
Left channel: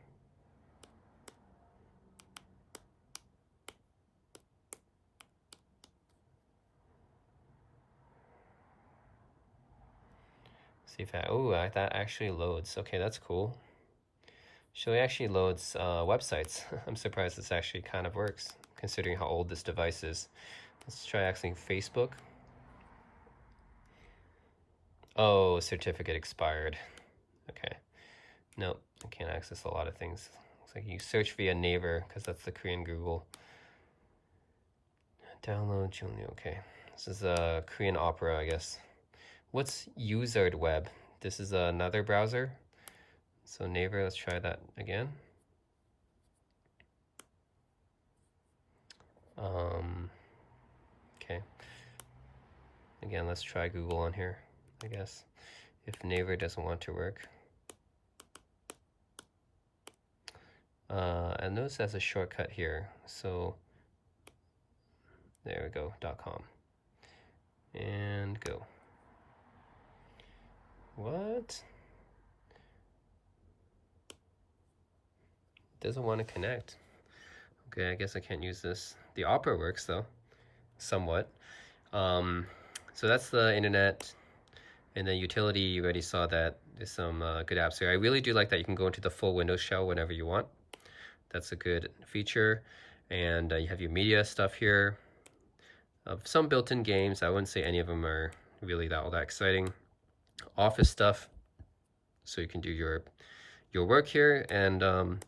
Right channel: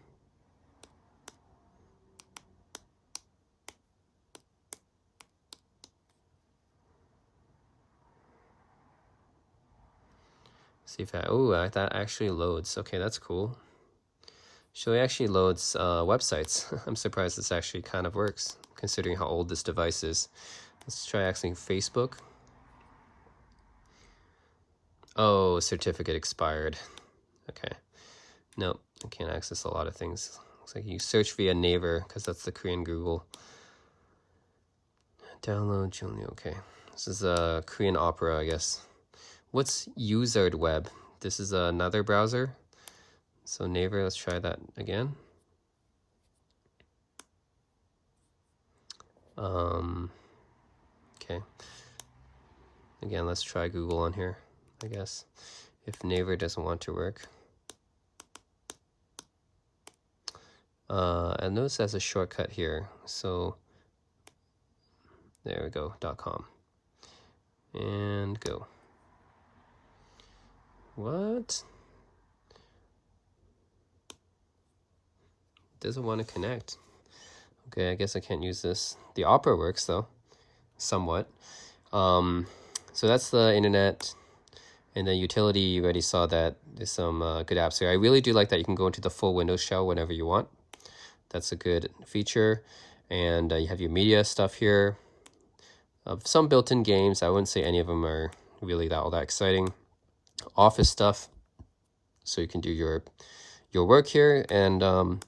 See if that actually loads. Okay, that's cool. So it actually loads websites. I'm surprised this actually kind of works, considering how old this device is. Let's try accessing Facebook. Oh, certificate expired. Okay. Nope, I can't access a lot of things. Looks like you search via Naver, because that's the Korean Google. Download Junior. Okay. This is a Korean Opera, I guess. What's Usered Web? This is another browser. So Naver, let's try that again. Okay. Again, let's try Google on here, I guess, if Naver doesn't want to work. And notice there's a shortcut here. So there we go, .com. And go. What? Doesn't want to connect. Okay, I guess I can't use this. The Opera works though, somewhat. So that's the internet. And the utility, you already saw that. There's some good apps here. I really do like that you can go into the full Windows shell whenever you want. That's a good feature. And you have your media stuff here. Some built-in games. I wouldn't say any of them are really all that exciting. Office stuff, so you can do your work here. And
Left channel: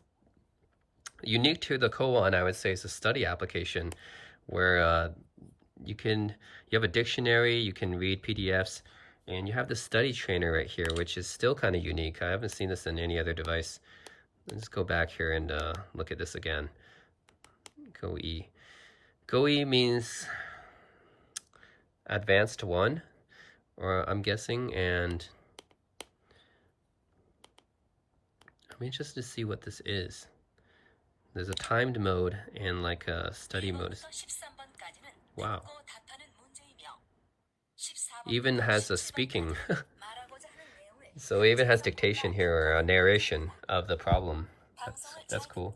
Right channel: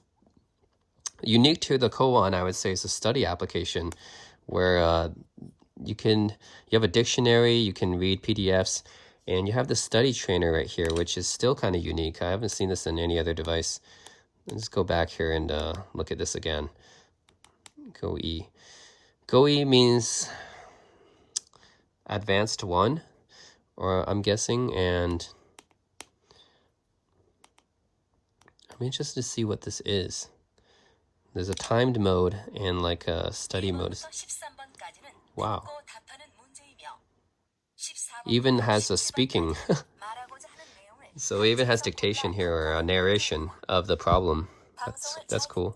unique to the Cowon, I would say, is a study application where you have a dictionary, you can read PDFs, and you have the study trainer right here, which is still kind of unique. I haven't seen this in any other device. Let's go back here and look at this again. GoE. GoE means advanced 1, or I'm guessing, and I'm interested to see what this is. There's a timed mode and like a study mode. Wow. Even has a speaking. So it even has dictation here, or a narration of the problem. That's cool.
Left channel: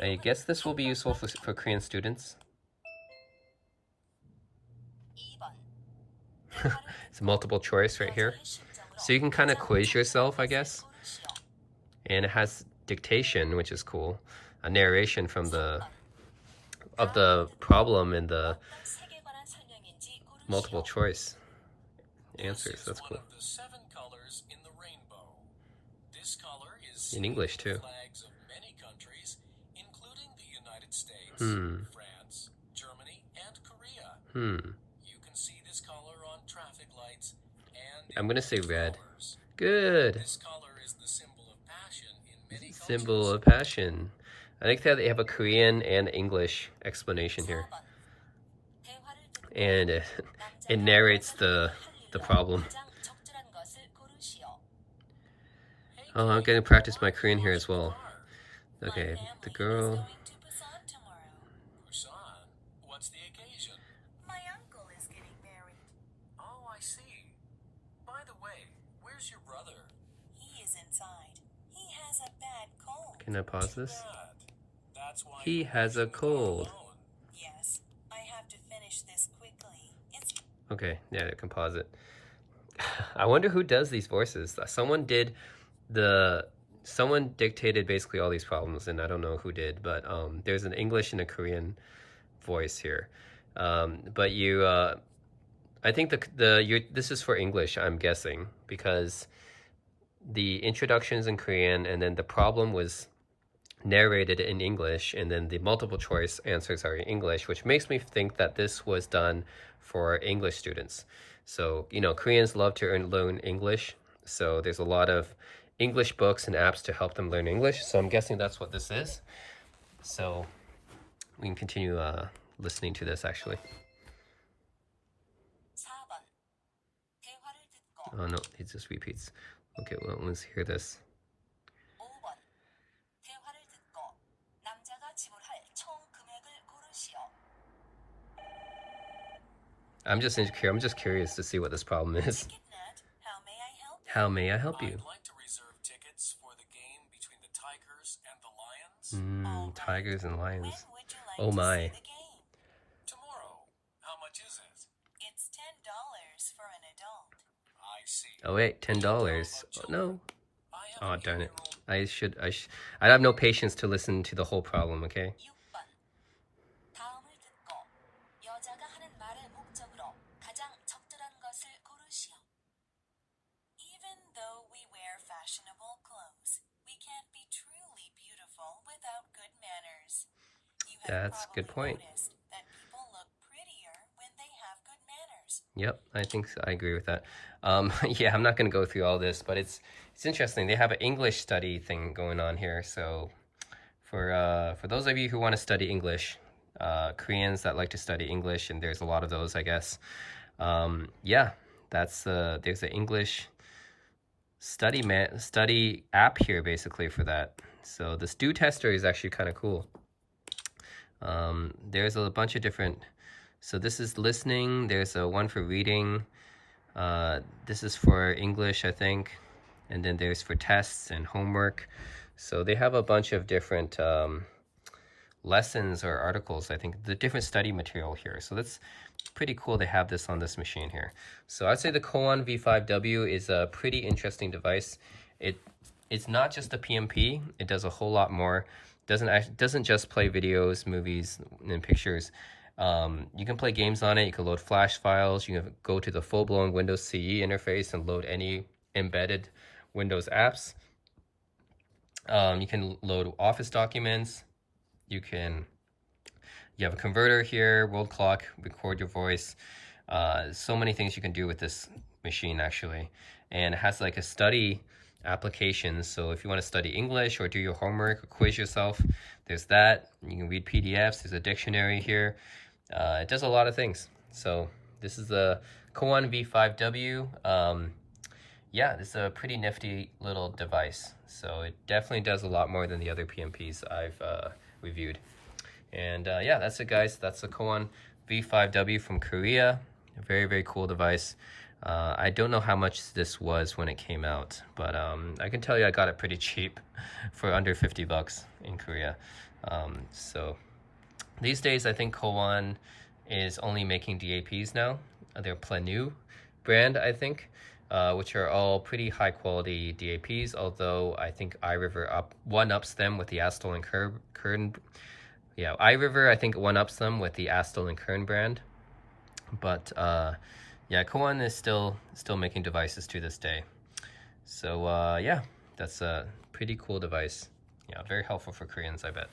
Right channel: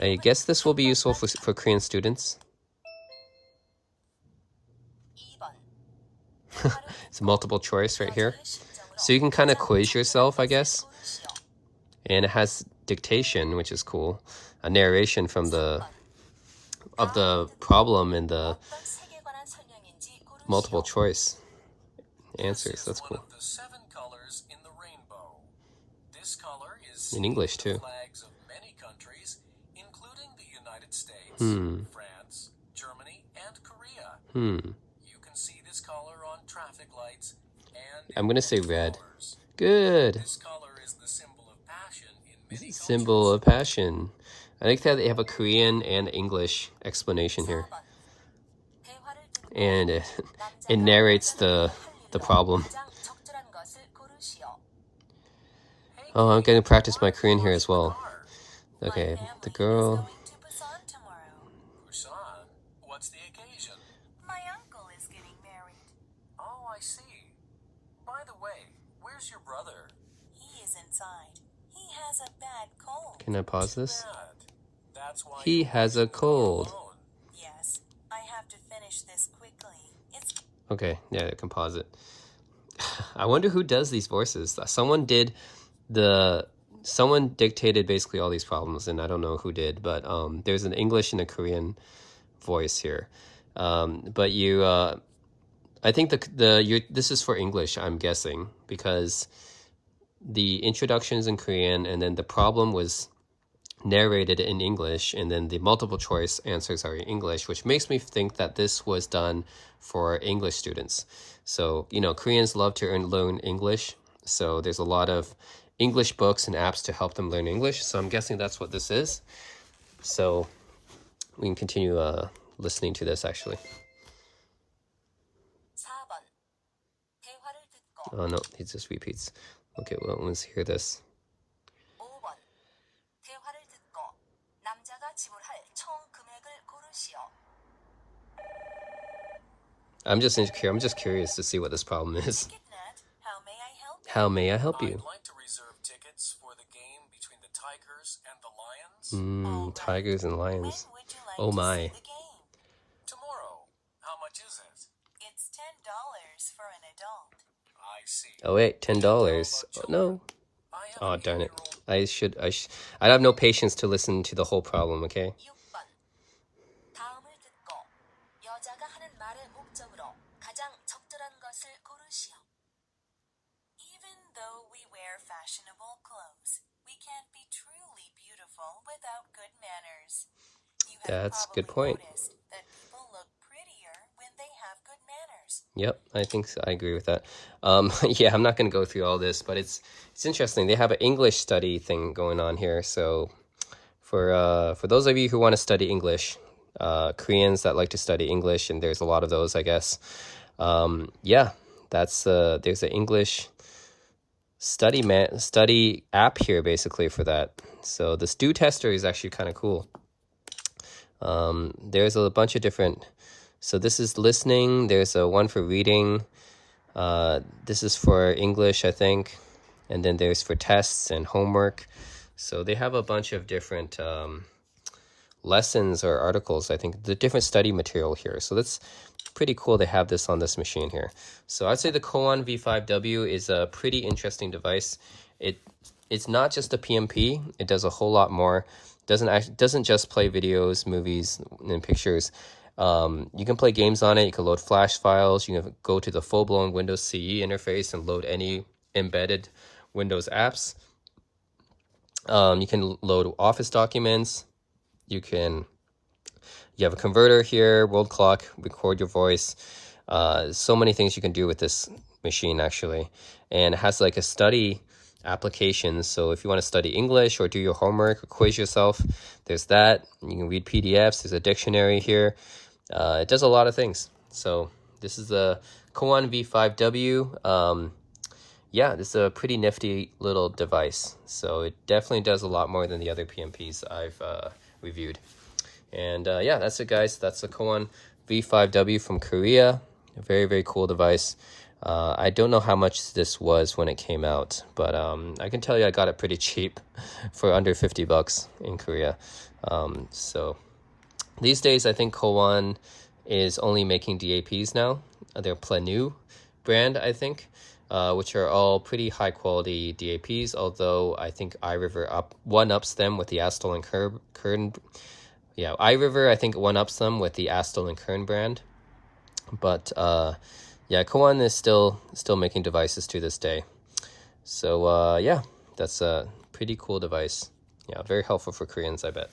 I guess this will be useful for Korean students. It's multiple choice right here. So you can kind of quiz yourself, I guess. And it has dictation, which is cool. A narration from the problem in the multiple choice answers. That's cool. In English too. France, Germany, and Korea. You can see this color on traffic lights and I'm gonna say red. Good. This color is the symbol of passion in many cultures. Symbol of passion. I think that they have a Korean and English explanation here. And it narrates the problem. Oh, I'm gonna practice my Korean here as well. Okay, the girl. Busan? What's the occasion? My uncle is getting married. Oh, I see. By the way, where's your brother? He is inside. He has a bad cold. Can I pause this? Bad. That's why He you're has a washing the car cold. alone. Yes, I have to finish this quickly. It's Okay, yeah, I can pause it. I wonder who does these voices. Someone dictated basically all these problems, and I don't know who did, but there's an English and a Korean voice here. But you, I think this is for English, I'm guessing, because the introductions in Korean, and then the problem was narrated in English, and then the multiple choice answers are in English, which makes me think that this was done for English students. So, you know, Koreans love to learn English, so there's a lot of English books and apps to help them learn English. So I'm guessing that's what this is. So we can continue listening to this actually. 4번. 대화를 듣고. Oh no, it just repeats. Okay, well, let's hear this. 5번. 대화를 듣고 남자가 지불할 총 금액을 고르시오. I'm just curious to see what this problem is. TicketNet, how may I help you? How may I help you? I'd like to reserve tickets for the game between the Tigers and the Lions. Tigers and When lions. would you like Oh to my. see the game? Tomorrow. How much is it? It's $10 for an adult. I see. Oh wait, $10. Oh, no. I have Oh an darn it. 8-year-old. I have no patience to listen to the whole problem, okay? 6번. 다음을 듣고 여자가 하는 말의 목적으로 가장 적절한 것을 고르시오. Even though we wear fashionable clothes, we can't be truly beautiful without good manners. You have That's a good probably point. noticed that people look prettier when they have good manners. Yep, I think so. I agree with that. Yeah, I'm not going to go through all this, but it's interesting. They have an English study thing going on here. So for those of you who want to study English, Koreans that like to study English, and there's a lot of those, I guess. Yeah, there's an English study app here basically for that. So the Stew Tester is actually kind of cool. There's a bunch of different. So this is listening. There's a one for reading. This is for English, I think. And then there's for tests and homework. So they have a bunch of different lessons or articles, I think, the different study material here. So that's pretty cool they have this on this machine here. So I'd say the Cowon V5W is a pretty interesting device. It's not just a PMP. It does a whole lot more. Doesn't just play videos, movies, and pictures. You can play games on it. You can load Flash files. You can go to the full-blown Windows CE interface and load any embedded Windows apps. You can load Office documents. You have a converter here, world clock, record your voice. So many things you can do with this machine actually. And it has like a study application. So if you want to study English or do your homework or quiz yourself, there's that. You can read PDFs. There's a dictionary here. It does a lot of things. So this is the Cowon V5W. Yeah, this is a pretty nifty little device. So it definitely does a lot more than the other PMPs I've reviewed. And yeah, that's it, guys. That's the Cowon V5W from Korea. A very, very cool device. I don't know how much this was when it came out, but I can tell you I got it pretty cheap for under $50 in Korea. So these days, I think Cowon is only making DAPs now. They're new. brand, I think, which are all pretty high quality DAPs, although I think iRiver one-ups them with the Astol and Kern. Yeah, iRiver, I think, one-ups them with the Astol and Kern brand. But yeah, Cowon is still making devices to this day. So yeah, that's a pretty cool device. Yeah, very helpful for Koreans, I bet.